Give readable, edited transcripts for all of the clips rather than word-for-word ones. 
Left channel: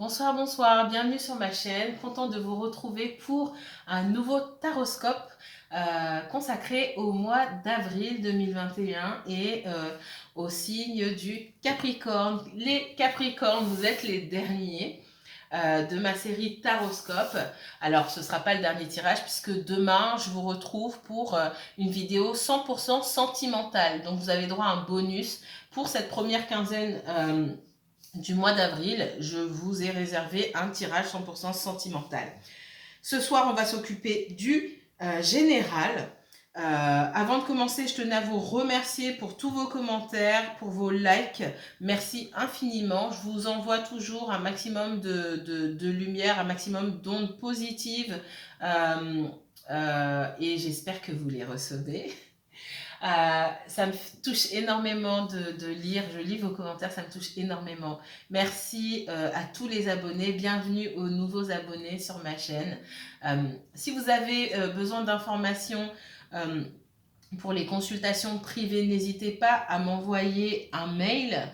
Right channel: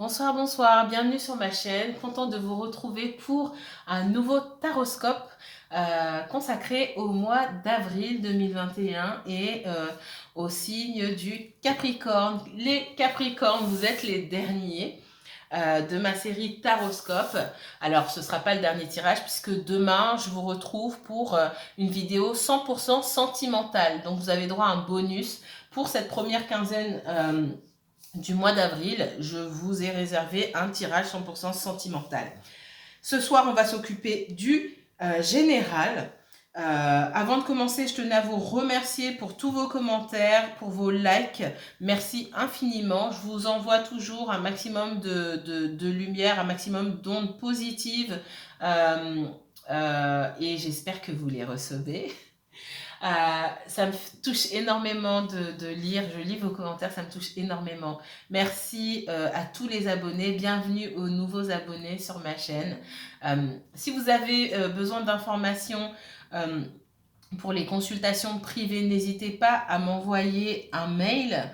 Bonsoir, bonsoir, bienvenue sur ma chaîne. Content de vous retrouver pour un nouveau taroscope consacré au mois d'avril 2021 et au signe du Capricorne. Les Capricornes, vous êtes les derniers de ma série Taroscope. Alors, ce ne sera pas le dernier tirage puisque demain, je vous retrouve pour une vidéo 100% sentimentale. Donc, vous avez droit à un bonus pour cette première quinzaine du mois d'avril. Je vous ai réservé un tirage 100% sentimental. Ce soir, on va s'occuper du général. Avant de commencer, je tenais à vous remercier pour tous vos commentaires, pour vos likes. Merci infiniment. Je vous envoie toujours un maximum de lumière, un maximum d'ondes positives. Et j'espère que vous les recevez. Ça me touche énormément de lire, je lis vos commentaires, ça me touche énormément. Merci à tous les abonnés, bienvenue aux nouveaux abonnés sur ma chaîne. Si vous avez besoin d'informations pour les consultations privées, n'hésitez pas à m'envoyer un mail.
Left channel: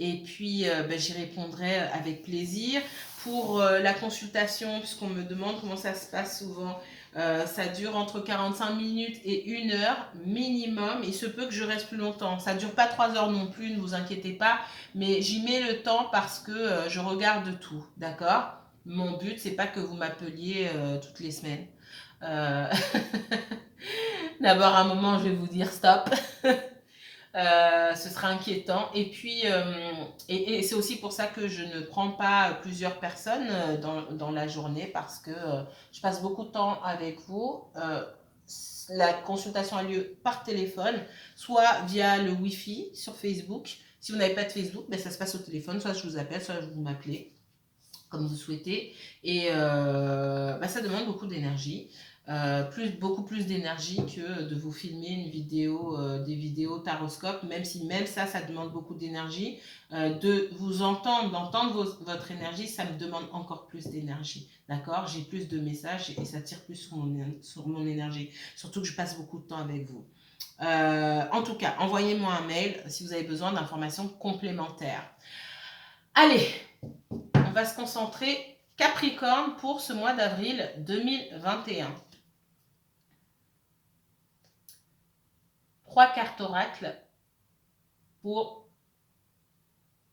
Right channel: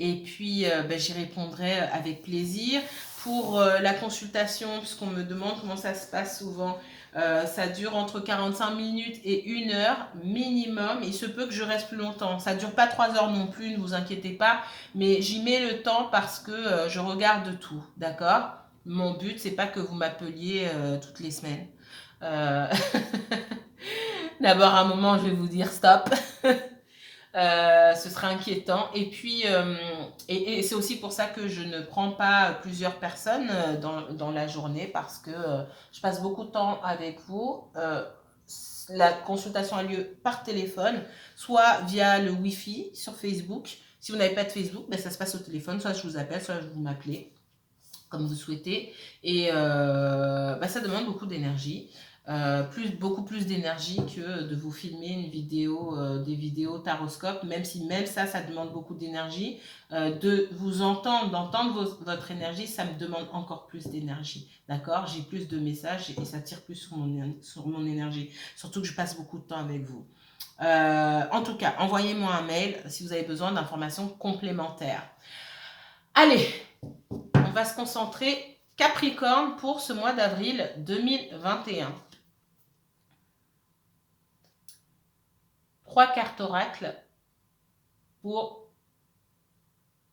Et puis j'y répondrai avec plaisir. Pour la consultation, puisqu'on me demande comment ça se passe souvent, ça dure entre 45 minutes et 1 heure minimum. Il se peut que je reste plus longtemps. Ça ne dure pas 3 heures non plus, ne vous inquiétez pas. Mais j'y mets le temps parce que je regarde tout, d'accord? Mon but, c'est pas que vous m'appeliez toutes les semaines. D'abord, à un moment, je vais vous dire stop. Ce sera inquiétant. Et puis, et c'est aussi pour ça que je ne prends pas plusieurs personnes dans la journée parce que je passe beaucoup de temps avec vous. La consultation a lieu par téléphone, soit via le Wi-Fi sur Facebook. Si vous n'avez pas de Facebook, ça se passe au téléphone. Soit je vous appelle, soit vous m'appelez, comme vous souhaitez. Et ça demande beaucoup d'énergie. Beaucoup plus d'énergie que de vous filmer une vidéo, des vidéos taroscope, même si même ça demande beaucoup d'énergie. De vous entendre, d'entendre votre énergie, ça me demande encore plus d'énergie. D'accord? J'ai plus de messages et ça tire plus sur mon énergie. Surtout que je passe beaucoup de temps avec vous. En tout cas, envoyez-moi un mail si vous avez besoin d'informations complémentaires. Allez, on va se concentrer Capricorne pour ce mois d'avril 2021. 3 cartes oracles pour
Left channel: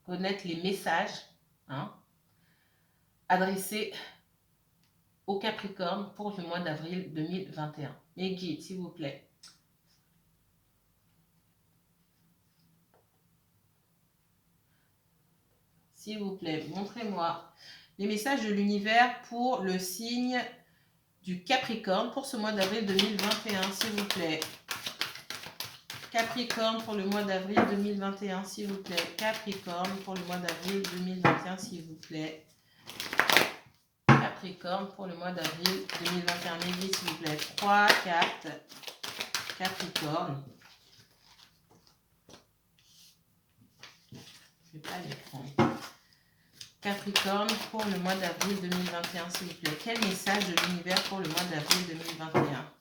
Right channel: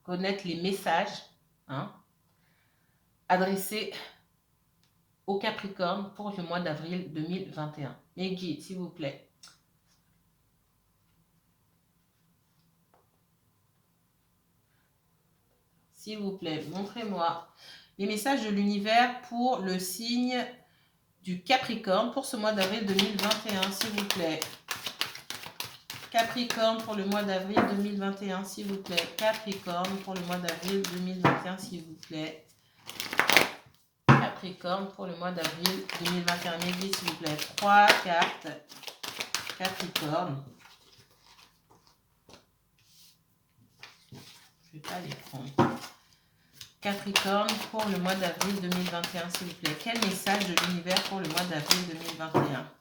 connaître les messages adressés au Capricorne pour le mois d'avril 2021. Mes guides, s'il vous plaît. S'il vous plaît, montrez-moi les messages de l'univers pour le signe du Capricorne pour ce mois d'avril 2021, s'il vous plaît. Capricorne pour le mois d'avril 2021, s'il vous plaît. Capricorne pour le mois d'avril 2021, s'il vous plaît. Capricorne pour le mois d'avril 2021. Mes guides, s'il vous plaît. 3 cartes Capricorne. Je ne vais pas les prendre. Capricorne pour le mois d'avril 2021, s'il vous plaît. Quel message de l'univers pour le mois d'avril 2021?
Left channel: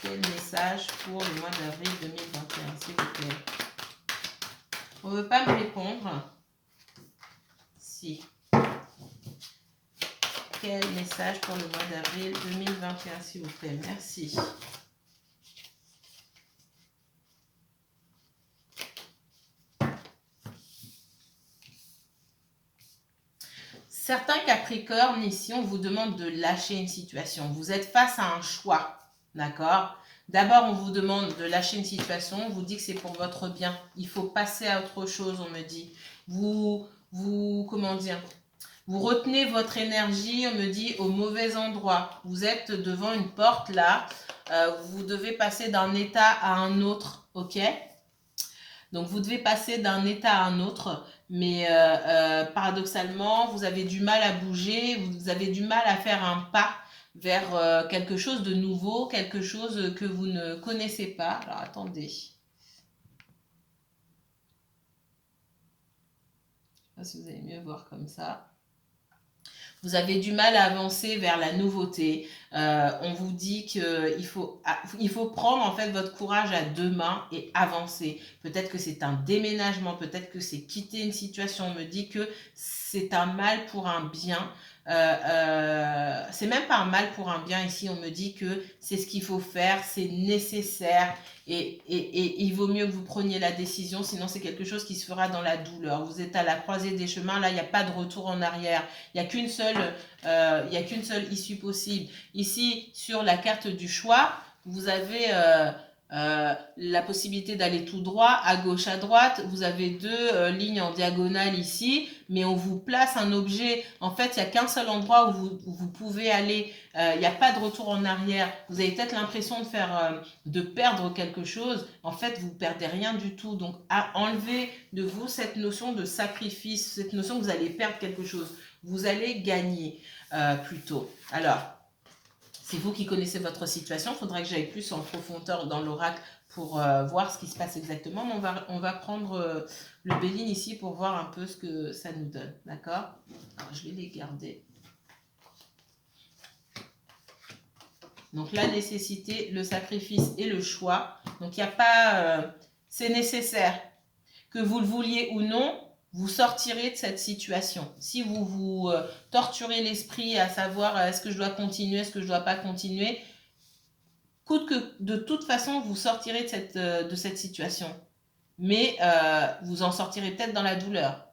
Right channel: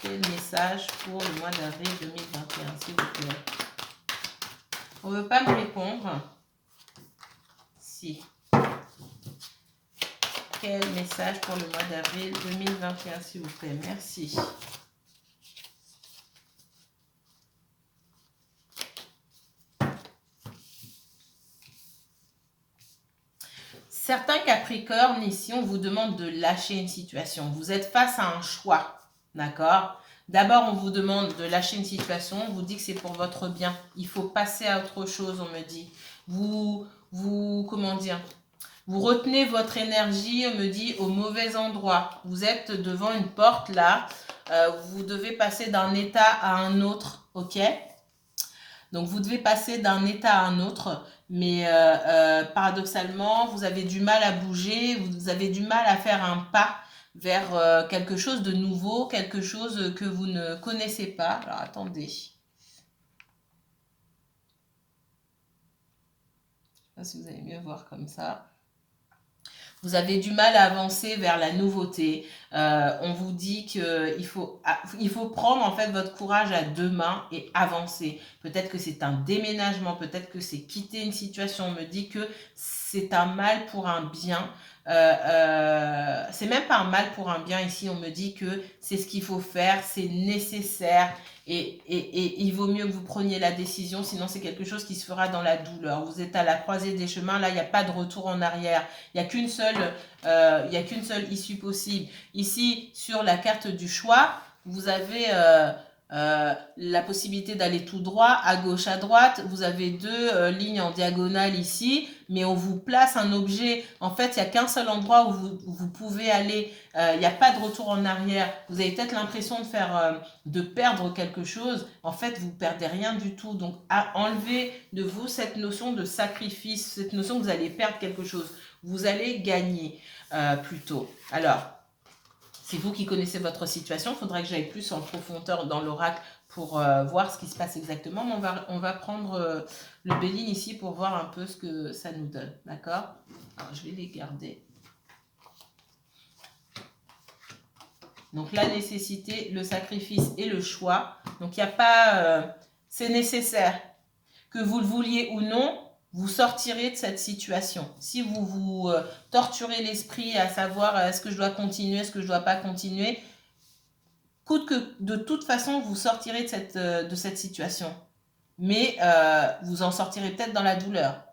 Quel message pour le mois d'avril 2021, s'il vous plaît? On ne veut pas me répondre. Si. Quel message pour le mois d'avril 2021, s'il vous plaît? Merci. Certains Capricornes, ici, on vous demande de lâcher une situation. Vous êtes face à un choix, d'accord? D'abord, on vous demande de lâcher une situation. On vous dit que c'est pour votre bien. Il faut passer à autre chose, on me dit. Comment dire? Vous retenez votre énergie, on me dit, au mauvais endroit. Vous êtes devant une porte, là. Vous devez passer d'un état à un autre, ok? Donc, vous devez passer d'un état à un autre, mais paradoxalement, vous avez du mal à bouger, vous avez du mal à faire un pas vers quelque chose de nouveau, quelque chose que vous ne connaissez pas. Alors, attendez. Je ne sais pas si vous allez mieux voir comme ça. Vous avez du mal à avancer vers la nouveauté, On vous dit il faut prendre en fait votre courage à deux mains et avancer. Peut-être que c'est un déménagement, peut-être que c'est quitter une situation. On me dit que c'est un mal pour un bien. C'est même pas un mal pour un bien ici. On me dit que c'est ce qu'il faut faire, c'est nécessaire. Et il vaut mieux que vous preniez la décision, sinon c'est quelque chose qui se fera dans la douleur. Vous êtes à la croisée des chemins, là il n'y a pas de retour en arrière. Il n'y a il y a qu'une seule issue possible. Ici, sur la carte du choix, vous avez la possibilité d'aller tout droit, à gauche, à droite. Vous avez deux lignes en diagonale ici, mais on vous place un objet. En fait, il n'y a qu'un seul endroit où vous pouvez aller. Il n'y a pas de retour en arrière. Vous avez peut-être l'impression de perdre quelque chose. En fait, vous perdez rien du tout. Donc, enlevez de vous cette notion de sacrifice, cette notion que vous allez perdre quelque chose. Vous allez gagner plutôt. Alors, c'est vous qui connaissez votre situation. Il faudra que j'aille plus en profondeur dans l'oracle pour voir ce qui se passe exactement. Mais on va prendre le Béline ici pour voir un peu ce que ça nous donne. D'accord? Alors, je vais les garder. Donc, la nécessité, le sacrifice et le choix. Donc, il n'y a pas... c'est nécessaire. Que vous le vouliez ou non, vous sortirez de cette situation. Si vous vous torturez l'esprit à savoir est-ce que je dois continuer, est-ce que je ne dois pas continuer, coûte que de toute façon, vous sortirez de cette situation. Mais vous en sortirez peut-être dans la douleur.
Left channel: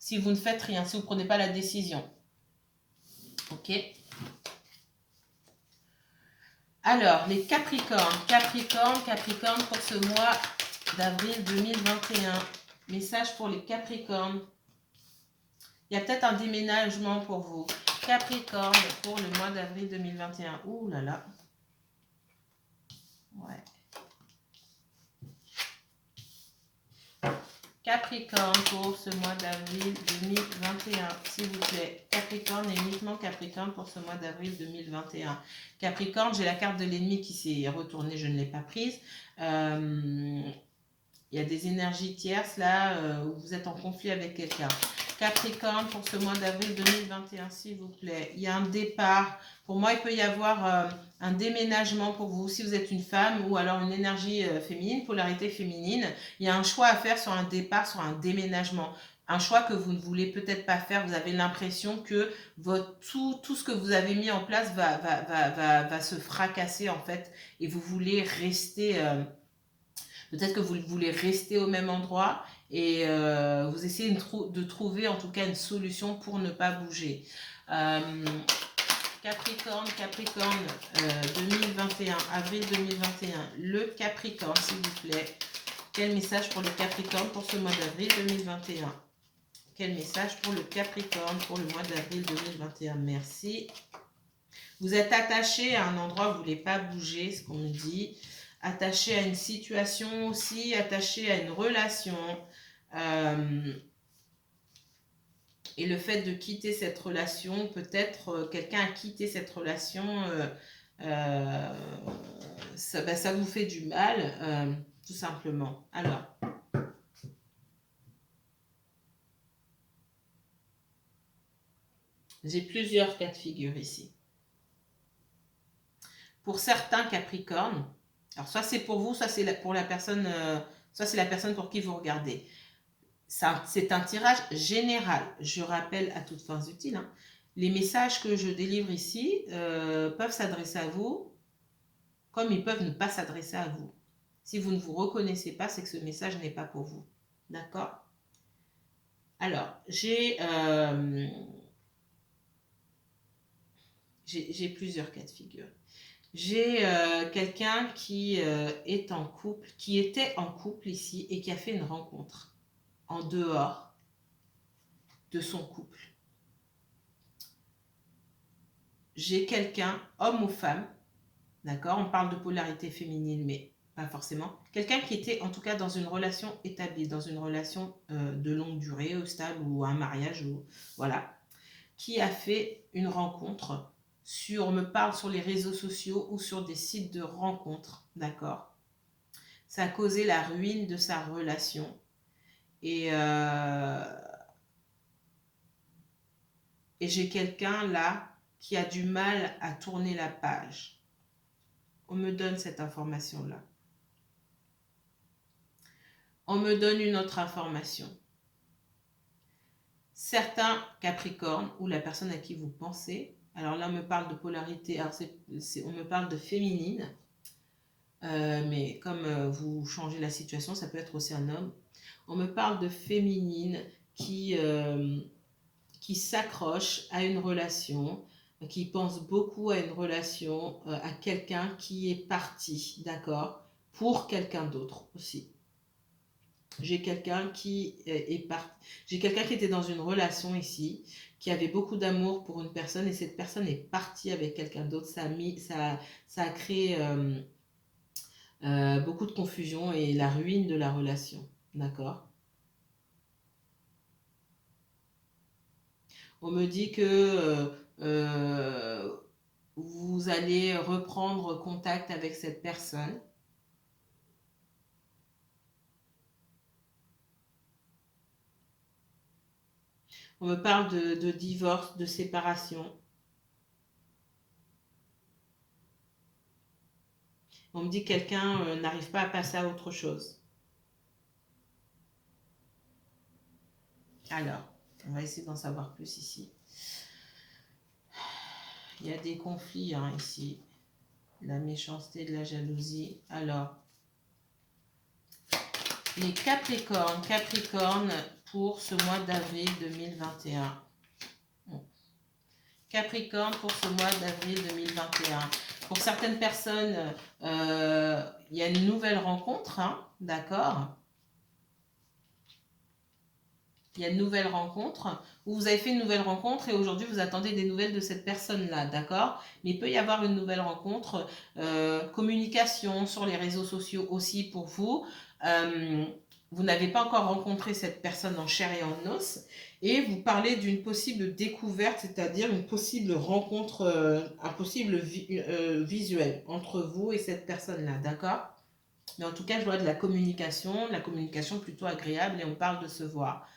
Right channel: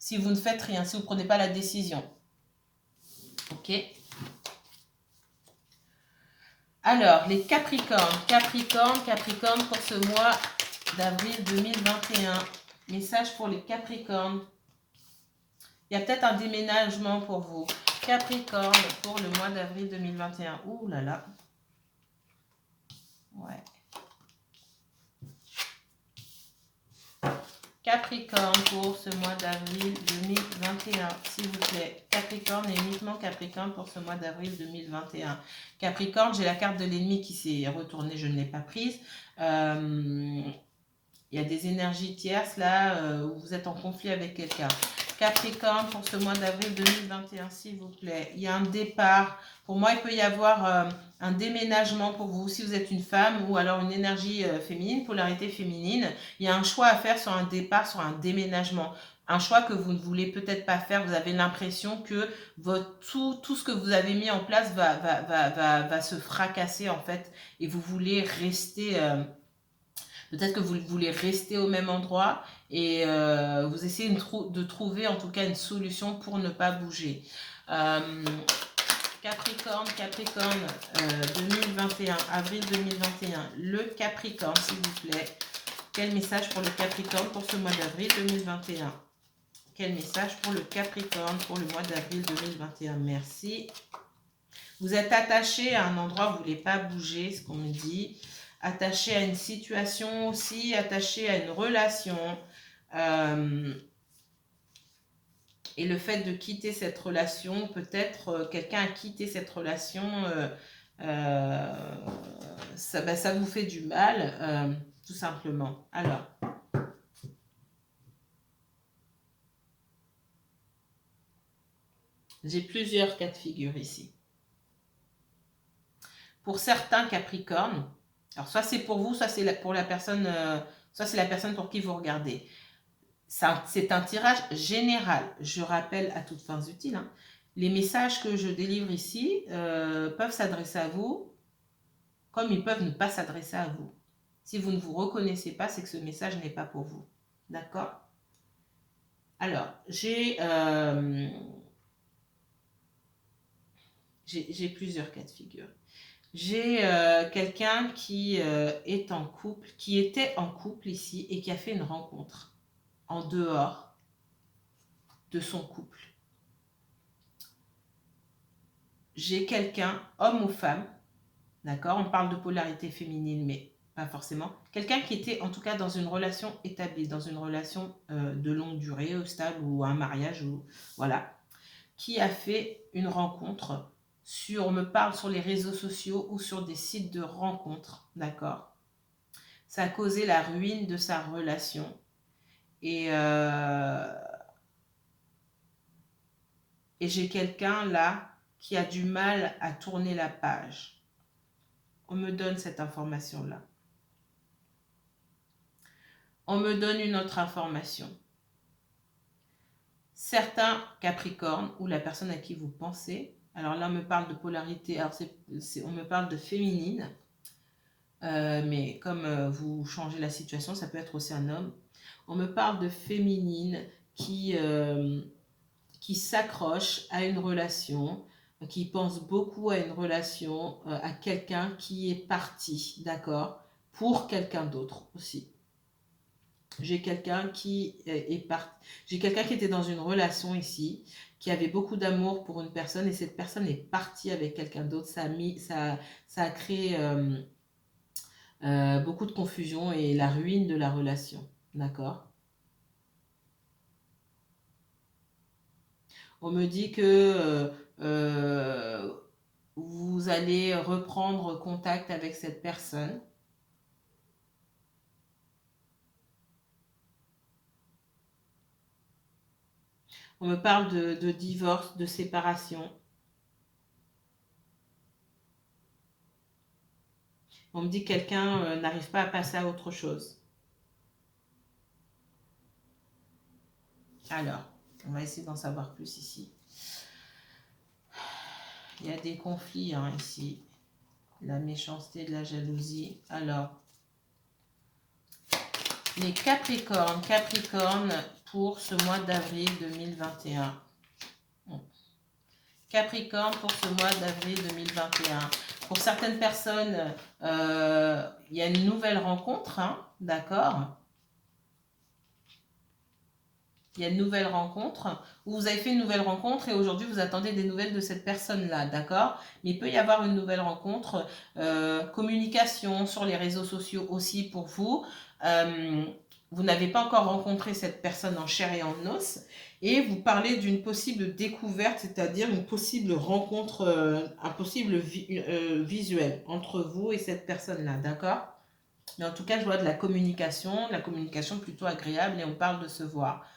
Si vous ne faites rien, si vous ne prenez pas la décision. Ok? Alors, les Capricornes. Capricorne pour ce mois d'avril 2021. Message pour les Capricornes. Il y a peut-être un déménagement pour vous. Capricorne pour le mois d'avril 2021. Ouh là là. Ouais. Capricorne pour ce mois d'avril 2021. S'il vous plaît. Capricorne et uniquement Capricorne pour ce mois d'avril 2021. Capricorne, j'ai la carte de l'ennemi qui s'est retournée. Je ne l'ai pas prise. Il y a des énergies tierces là où vous êtes en conflit avec quelqu'un. Capricorne pour ce mois d'avril 2021, s'il vous plaît. Il y a un départ. Pour moi, il peut y avoir un déménagement pour vous. Si vous êtes une femme ou alors une énergie féminine, polarité féminine, il y a un choix à faire sur un départ, sur un déménagement. Un choix que vous ne voulez peut-être pas faire. Vous avez l'impression que tout ce que vous avez mis en place va se fracasser en fait. Et vous voulez rester... peut-être que vous voulez rester au même endroit et vous essayez de trouver en tout cas une solution pour ne pas bouger. Capricorne 2021, avril 2021. Le Capricorne, s'il vous plaît. Quel message pour le Capricorne pour ce mois d'avril 2021? Quel message pour le Capricorne pour le mois d'avril 2021? Merci. Vous êtes attaché à un endroit où vous ne voulez pas bouger, ce qu'on me dit. Attaché à une situation aussi, attaché à une relation. Et le fait de quitter cette relation, peut-être quelqu'un a quitté cette relation, ça vous fait du mal, tout simplement. Alors, j'ai plusieurs cas de figure ici. Pour certains Capricornes, alors soit c'est pour vous, soit c'est pour la personne, soit c'est la personne pour qui vous regardez. C'est un tirage général. Je rappelle à toutes fins utiles, hein, les messages que je délivre ici peuvent s'adresser à vous comme ils peuvent ne pas s'adresser à vous. Si vous ne vous reconnaissez pas, c'est que ce message n'est pas pour vous. D'accord? Alors, j'ai plusieurs cas de figure. J'ai quelqu'un qui est en couple, qui était en couple ici et qui a fait une rencontre en dehors de son couple. J'ai quelqu'un, homme ou femme, d'accord, on parle de polarité féminine, mais pas forcément, quelqu'un qui était en tout cas dans une relation établie, dans une relation de longue durée, stable ou un mariage, ou voilà, qui a fait une rencontre on me parle sur les réseaux sociaux ou sur des sites de rencontres, d'accord. Ça a causé la ruine de sa relation et j'ai quelqu'un là qui a du mal à tourner la page. On me donne cette information-là. On me donne une autre information. Certains Capricornes, ou la personne à qui vous pensez, alors là on me parle de polarité, alors on me parle de féminine, mais comme vous changez la situation, ça peut être aussi un homme. On me parle de féminine qui s'accroche à une relation, qui pense beaucoup à une relation, à quelqu'un qui est parti, d'accord, pour quelqu'un d'autre aussi. J'ai quelqu'un qui j'ai quelqu'un qui était dans une relation ici, qui avait beaucoup d'amour pour une personne et cette personne est partie avec quelqu'un d'autre. Ça a créé beaucoup de confusion et la ruine de la relation, d'accord. On me dit que vous allez reprendre contact avec cette personne. On me parle de divorce, de séparation. On me dit que quelqu'un n'arrive pas à passer à autre chose. Alors, on va essayer d'en savoir plus ici. Il y a des conflits ici. La méchanceté, de la jalousie. Alors, les Capricornes. Capricorne pour ce mois d'avril 2021. Capricorne pour ce mois d'avril 2021. Pour certaines personnes, il y a une nouvelle rencontre, d'accord. Il y a une nouvelle rencontre, ou vous avez fait une nouvelle rencontre et aujourd'hui vous attendez des nouvelles de cette personne-là, d'accord. Mais il peut y avoir une nouvelle rencontre, communication sur les réseaux sociaux aussi pour vous. Vous n'avez pas encore rencontré cette personne en chair et en os et vous parlez d'une possible découverte, c'est-à-dire une possible rencontre, un possible visuel entre vous et cette personne-là, d'accord. Mais en tout cas, je vois de la communication plutôt agréable et on parle de se voir.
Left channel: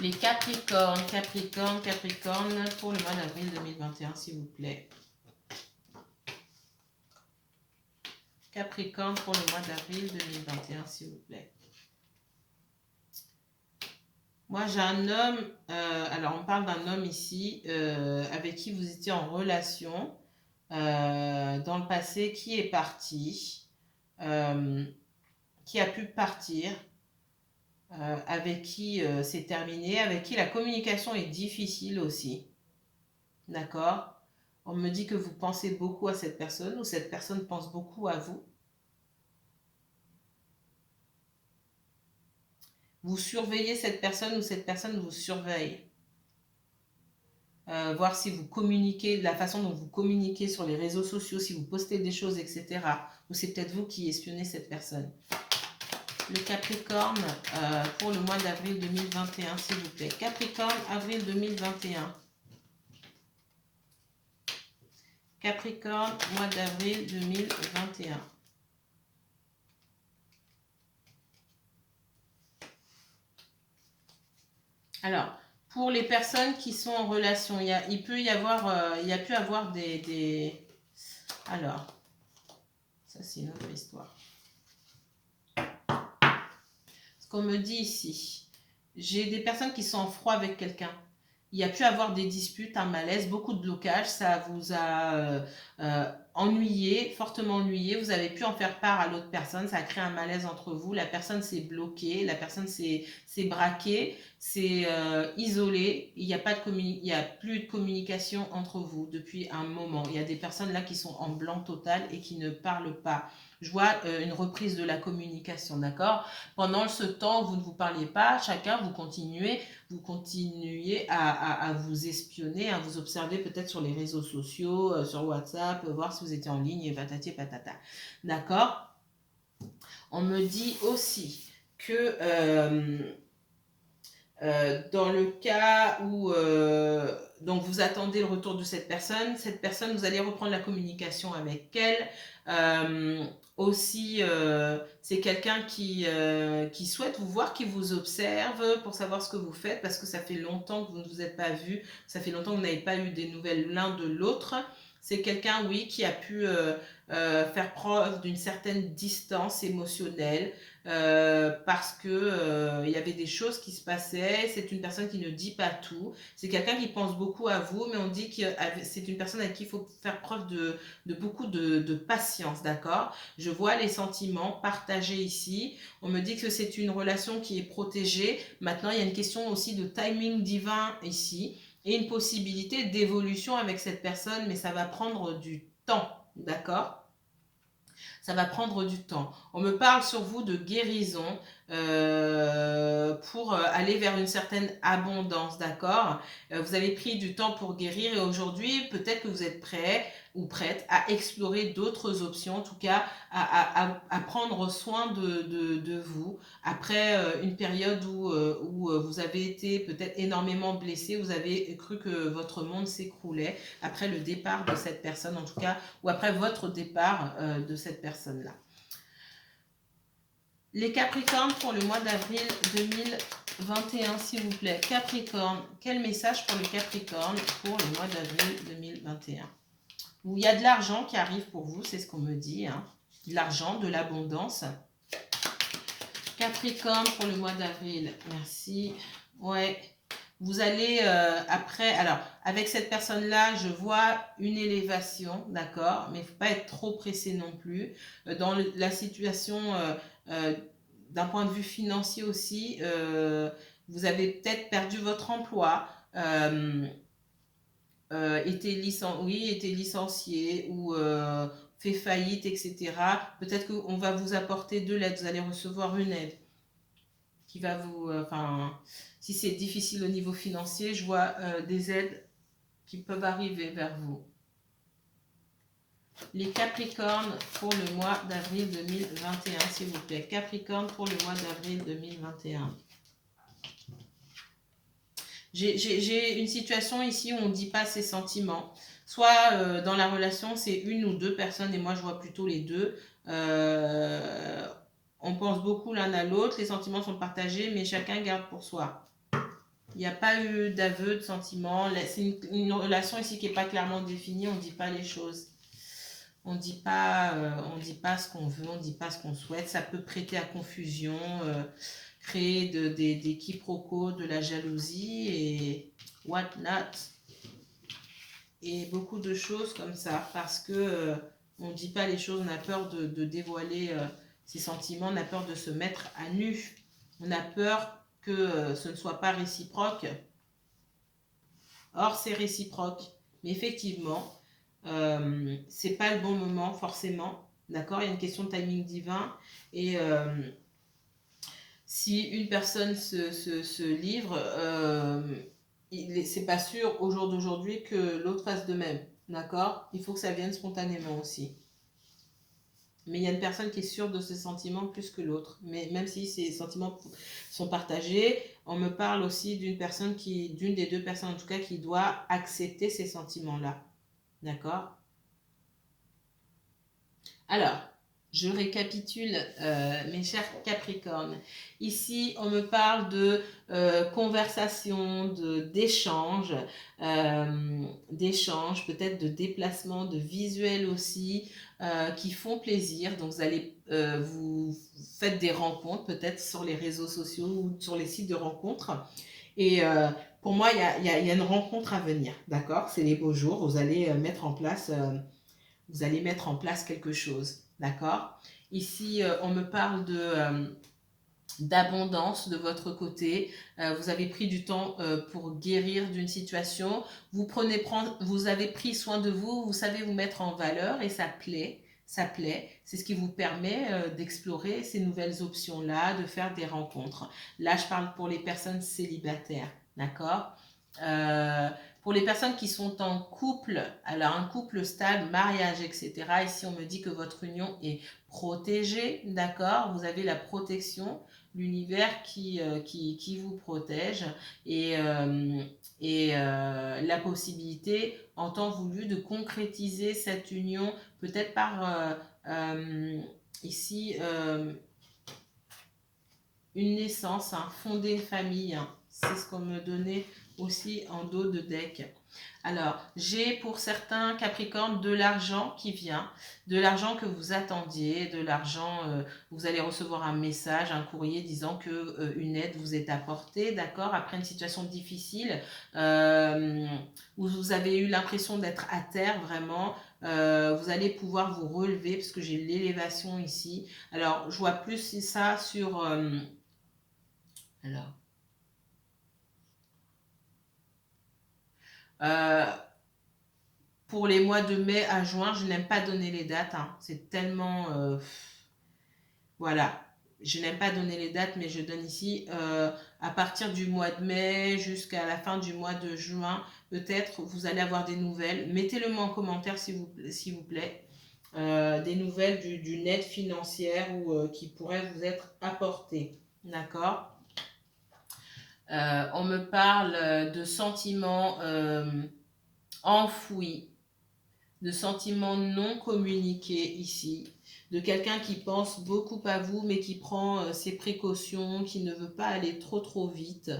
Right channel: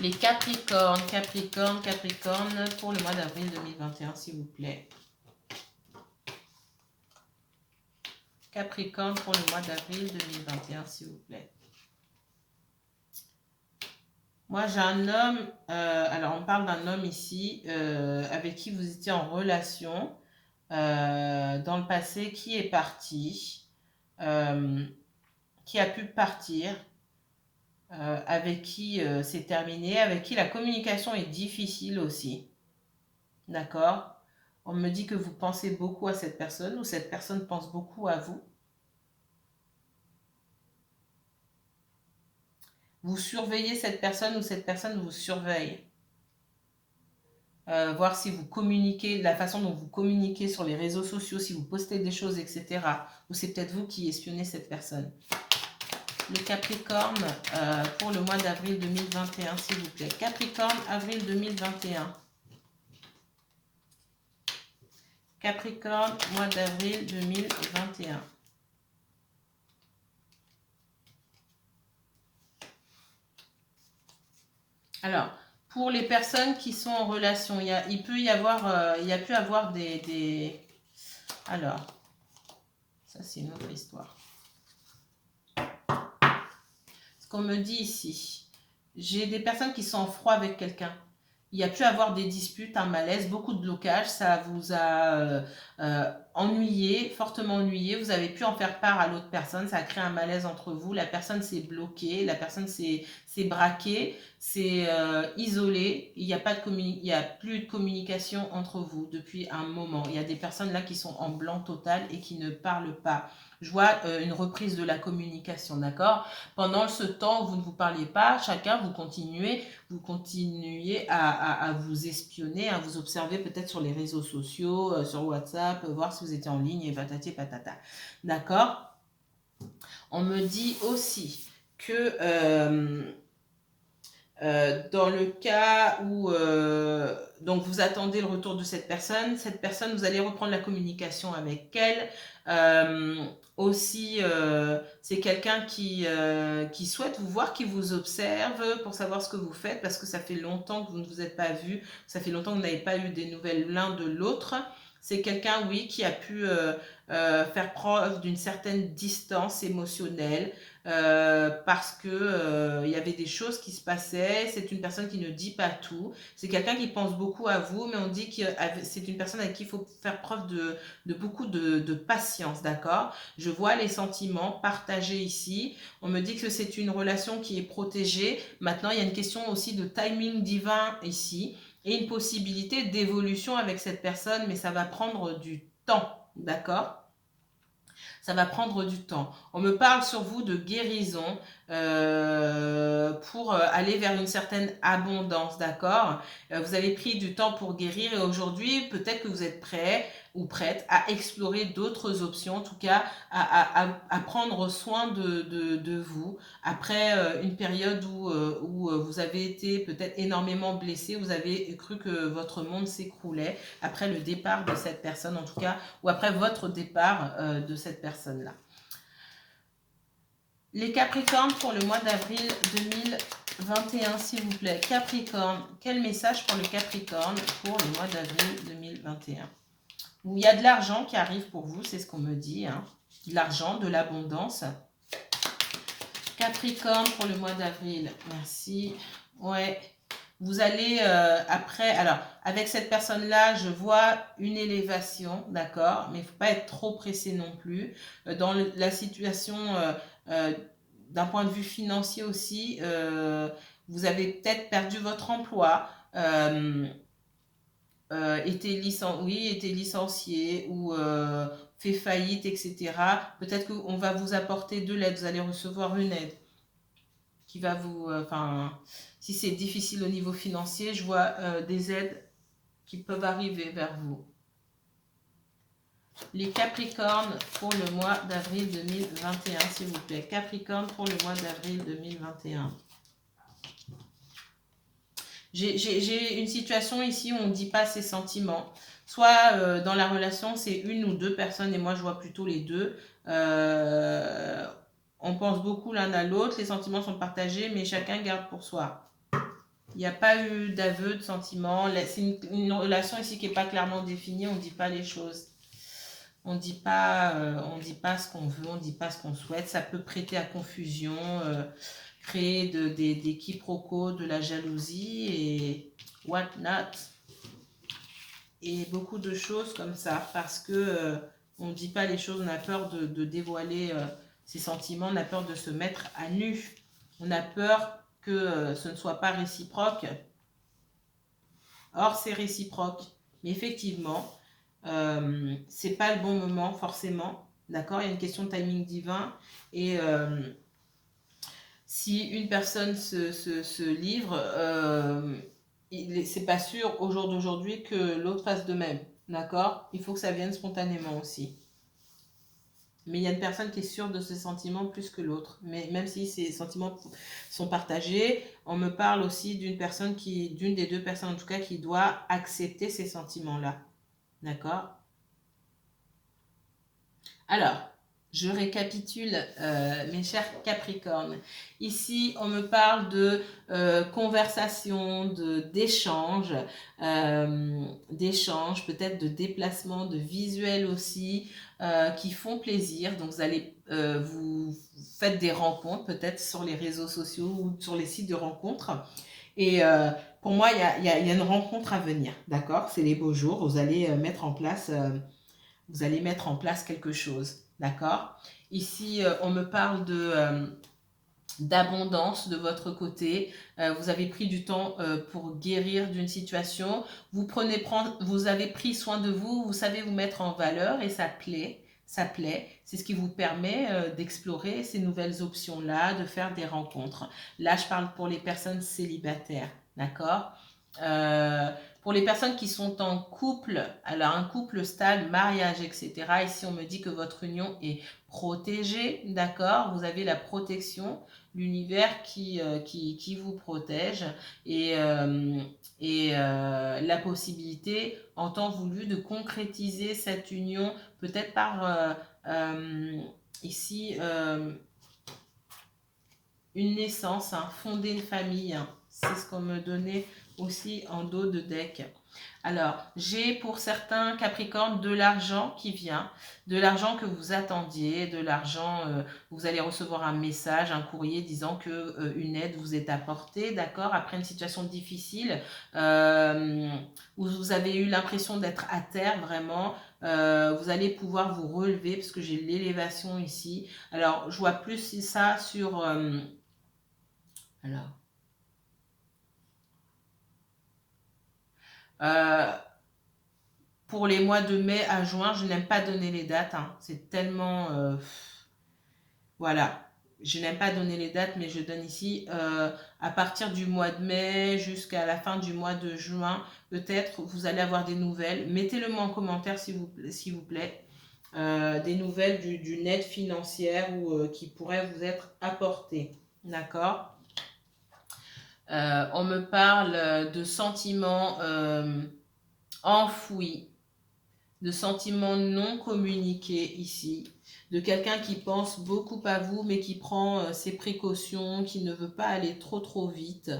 Les Capricornes, Capricorne pour le mois d'avril 2021, s'il vous plaît. Capricorne pour le mois d'avril 2021, s'il vous plaît. Moi, j'ai un homme, alors on parle d'un homme ici, avec qui vous étiez en relation dans le passé, qui est parti, qui a pu partir, avec qui c'est terminé, avec qui la communication est difficile aussi. D'accord? On me dit que vous pensez beaucoup à cette personne ou cette personne pense beaucoup à vous. Vous surveillez cette personne ou cette personne vous surveille. Voir si vous communiquez, la façon dont vous communiquez sur les réseaux sociaux, si vous postez des choses, etc. Ou c'est peut-être vous qui espionnez cette personne. Le Capricorne pour le mois d'avril 2021, s'il vous plaît. Capricorne, avril 2021. Capricorne, mois d'avril 2021. Alors, pour les personnes qui sont en relation, il peut y avoir, il y a pu avoir des... Alors, ça c'est une autre histoire. Ce qu'on me dit ici, j'ai des personnes qui sont en froid avec quelqu'un. Il y a pu avoir des disputes, un malaise, beaucoup de blocages, ça vous a ennuyé, fortement ennuyé, vous avez pu en faire part à l'autre personne, ça a créé un malaise entre vous, la personne s'est bloquée, la personne s'est braquée, s'est isolée, il n'y a plus de communication entre vous depuis un moment. Il y a des personnes là qui sont en blanc total et qui ne parlent pas. Je vois une reprise de la communication, d'accord. Pendant ce temps où vous ne vous parliez pas, chacun vous continuez à vous espionner, à vous observer peut-être sur les réseaux sociaux, sur WhatsApp, voir si vous étiez en ligne et patati patata. D'accord. On me dit aussi que Dans le cas où donc vous attendez le retour de cette personne, vous allez reprendre la communication avec elle. Aussi, c'est quelqu'un qui souhaite vous voir, qui vous observe pour savoir ce que vous faites, parce que ça fait longtemps que vous ne vous êtes pas vu, ça fait longtemps que vous n'avez pas eu des nouvelles l'un de l'autre. C'est quelqu'un, oui, qui a pu faire preuve d'une certaine distance émotionnelle, parce que il y avait des choses qui se passaient. C'est une personne qui ne dit pas tout. C'est quelqu'un qui pense beaucoup à vous, mais on dit que c'est une personne avec qui il faut faire preuve de beaucoup de patience, d'accord? Je vois les sentiments partagés ici. On me dit que c'est une relation qui est protégée. Maintenant, il y a une question aussi de timing divin ici et une possibilité d'évolution avec cette personne, mais ça va prendre du temps, d'accord? Ça va prendre du temps. On me parle sur vous de guérison pour aller vers une certaine abondance, d'accord? Vous avez pris du temps pour guérir et aujourd'hui, peut-être que vous êtes prêt ou prête à explorer d'autres options, en tout cas à prendre soin de vous. Après une période où vous avez été peut-être énormément blessé, vous avez cru que votre monde s'écroulait après le départ de cette personne, en tout cas, ou après votre départ de cette personne-là. Les Capricornes pour le mois d'avril 2021, s'il vous plaît. Capricorne, quel message pour le Capricorne pour le mois d'avril 2021? Où il y a de l'argent qui arrive pour vous, c'est ce qu'on me dit. Hein. De l'argent, de l'abondance. Capricorne pour le mois d'avril, merci. Ouais, vous allez après, alors avec cette personne-là, je vois une élévation, d'accord, mais il ne faut pas être trop pressé non plus. Dans la situation, d'un point de vue financier aussi, vous avez peut-être perdu votre emploi, été licencié ou fait faillite, etc. Peut-être qu'on va vous apporter de l'aide, vous allez recevoir une aide qui va vous... si c'est difficile au niveau financier, je vois des aides qui peuvent arriver vers vous. Les Capricornes pour le mois d'avril 2021, s'il vous plaît. Capricorne pour le mois d'avril 2021. J'ai une situation ici où on ne dit pas ses sentiments. Soit dans la relation, c'est une ou deux personnes, et moi je vois plutôt les deux. On pense beaucoup l'un à l'autre, les sentiments sont partagés, mais chacun garde pour soi. Il n'y a pas eu d'aveu de sentiments. C'est une relation ici qui n'est pas clairement définie, on ne dit pas les choses. On ne dit pas ce qu'on veut, on ne dit pas ce qu'on souhaite. Ça peut prêter à confusion, créer des quiproquos, de la jalousie et what not. Et beaucoup de choses comme ça, parce que on ne dit pas les choses, on a peur de dévoiler ses sentiments, on a peur de se mettre à nu, on a peur que ce ne soit pas réciproque. Or, c'est réciproque. Mais effectivement, c'est pas le bon moment forcément. D'accord? Il y a une question de timing divin. Et si une personne se livre, c'est pas sûr au jour d'aujourd'hui que l'autre fasse de même. D'accord? Il faut que ça vienne spontanément aussi. Mais il y a une personne qui est sûre de ses sentiments plus que l'autre. Mais même si ces sentiments sont partagés, on me parle aussi d'une des deux personnes en tout cas, qui doit accepter ces sentiments-là. D'accord? Alors, je récapitule, mes chers Capricornes. Ici, on me parle de conversation, d'échange, peut-être de déplacement, de visuels aussi, qui font plaisir. Donc, vous faites des rencontres, peut-être sur les réseaux sociaux ou sur les sites de rencontres. Et pour moi, il y a une rencontre à venir, d'accord? C'est les beaux jours, vous allez mettre en place quelque chose, d'accord? Ici, on me parle d'abondance de votre côté. Vous avez pris du temps pour guérir d'une situation. Vous avez pris soin de vous, vous savez vous mettre en valeur et ça plaît. Ça plaît, c'est ce qui vous permet d'explorer ces nouvelles options-là, de faire des rencontres. Là, je parle pour les personnes célibataires, d'accord? Pour les personnes qui sont en couple, alors un couple stable, mariage, etc. Ici, on me dit que votre union est protégée, d'accord? Vous avez la protection l'univers qui vous protège et, la possibilité en temps voulu de concrétiser cette union, peut-être par ici une naissance, hein, fonder une famille, hein. C'est ce qu'on me donnait aussi en dos de deck. Alors, j'ai pour certains Capricornes de l'argent qui vient, de l'argent que vous attendiez, de l'argent, vous allez recevoir un message, un courrier disant que une aide vous est apportée, d'accord, après une situation difficile, où vous avez eu l'impression d'être à terre vraiment, vous allez pouvoir vous relever parce que j'ai l'élévation ici. Alors, je vois plus ça sur... alors, euh, pour les mois de mai à juin, je n'aime pas donner les dates, hein. C'est tellement... voilà. Je n'aime pas donner les dates, mais je donne ici à partir du mois de mai jusqu'à la fin du mois de juin. Peut-être vous allez avoir des nouvelles. Mettez-le-moi en commentaire s'il vous plaît. Des nouvelles d'une aide financière ou qui pourrait vous être apportée. D'accord. On me parle de sentiments enfouis, de sentiments non communiqués ici, de quelqu'un qui pense beaucoup à vous mais qui prend ses précautions, qui ne veut pas aller trop vite.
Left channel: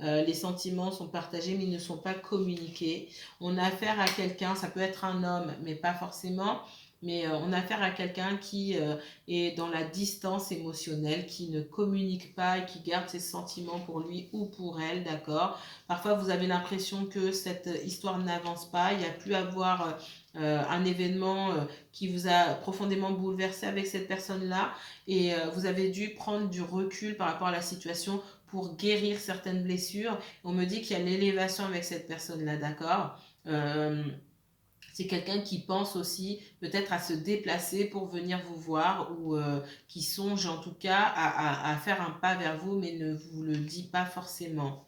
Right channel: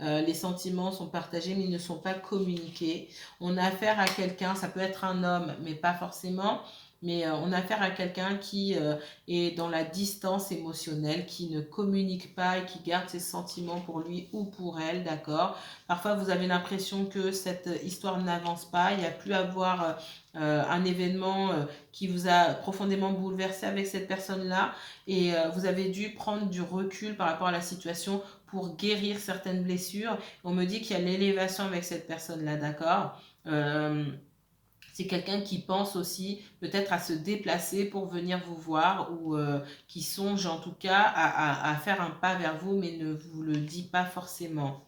Les sentiments sont partagés mais ils ne sont pas communiqués. On a affaire à quelqu'un, ça peut être un homme mais pas forcément, mais on a affaire à quelqu'un qui est dans la distance émotionnelle, qui ne communique pas et qui garde ses sentiments pour lui ou pour elle, d'accord. Parfois vous avez l'impression que cette histoire n'avance pas, il n'y a plus à voir un événement qui vous a profondément bouleversé avec cette personne-là et vous avez dû prendre du recul par rapport à la situation pour guérir certaines blessures. On me dit qu'il y a l'élévation avec cette personne-là, d'accord. C'est quelqu'un qui pense aussi peut-être à se déplacer pour venir vous voir ou qui songe en tout cas à faire un pas vers vous mais ne vous le dit pas forcément.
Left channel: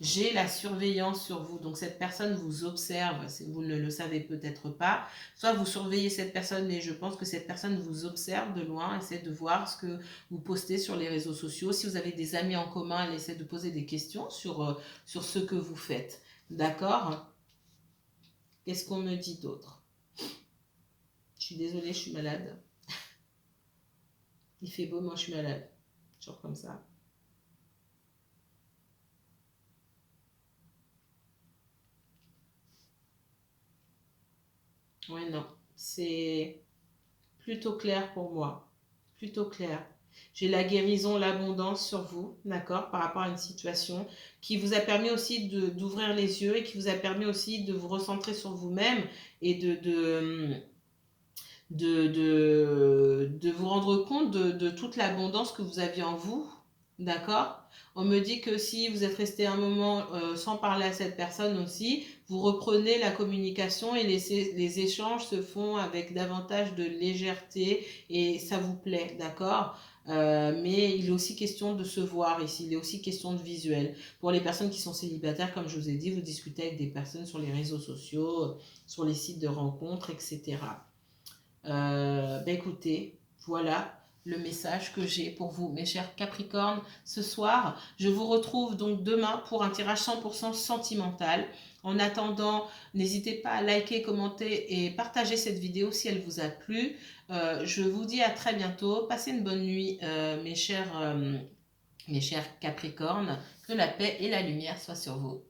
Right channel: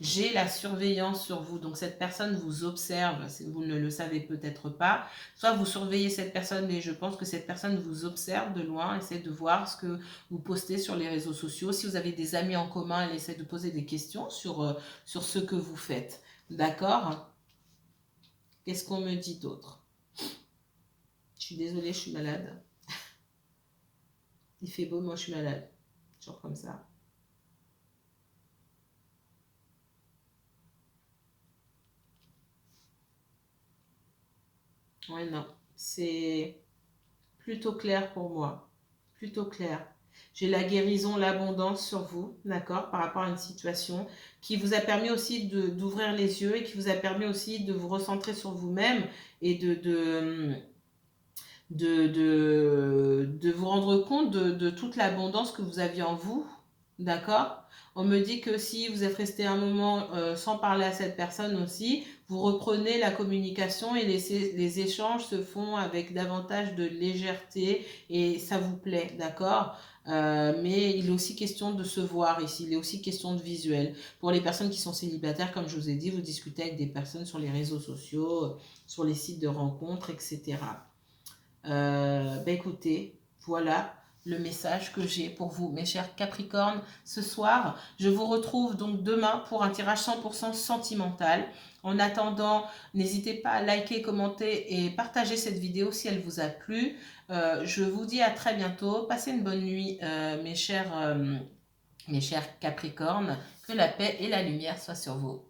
J'ai la surveillance sur vous, donc cette personne vous observe, vous ne le savez peut-être pas, soit vous surveillez cette personne, mais je pense que cette personne vous observe de loin, essaie de voir ce que vous postez sur les réseaux sociaux. Si vous avez des amis en commun, elle essaie de poser des questions sur ce que vous faites. D'accord? Qu'est-ce qu'on me dit d'autre? Je suis désolée, je suis malade. Il fait beau, moi je suis malade. Genre comme ça. Ouais, non. C'est plutôt clair pour moi. Plutôt clair. J'ai la guérison, l'abondance sur vous, d'accord, par rapport à une situation qui vous a permis aussi d'ouvrir les yeux et qui vous a permis aussi de vous recentrer sur vous-même et de vous rendre compte de toute l'abondance que vous aviez en vous, d'accord. On me dit que si vous êtes resté un moment sans parler à cette personne aussi, vous reprenez la communication et les échanges se font avec davantage de légèreté et ça vous plaît, d'accord. Mais il est aussi question de se voir ici, il est aussi question de visuel. Pour les personnes qui sont célibataires, comme je vous ai dit, vous discutez avec des personnes sur les réseaux sociaux, sur les sites de rencontres, etc. Écoutez, voilà le message que j'ai pour vous, mes chers Capricornes, ce soir. Je vous retrouve donc demain pour un tirage 100% sentimental. En attendant, n'hésitez pas à liker, commenter et partager cette vidéo si elle vous a plu. Je vous dis à très bientôt. Passez une bonne nuit, mes chers Capricornes. Que la paix et la lumière soient sur vous.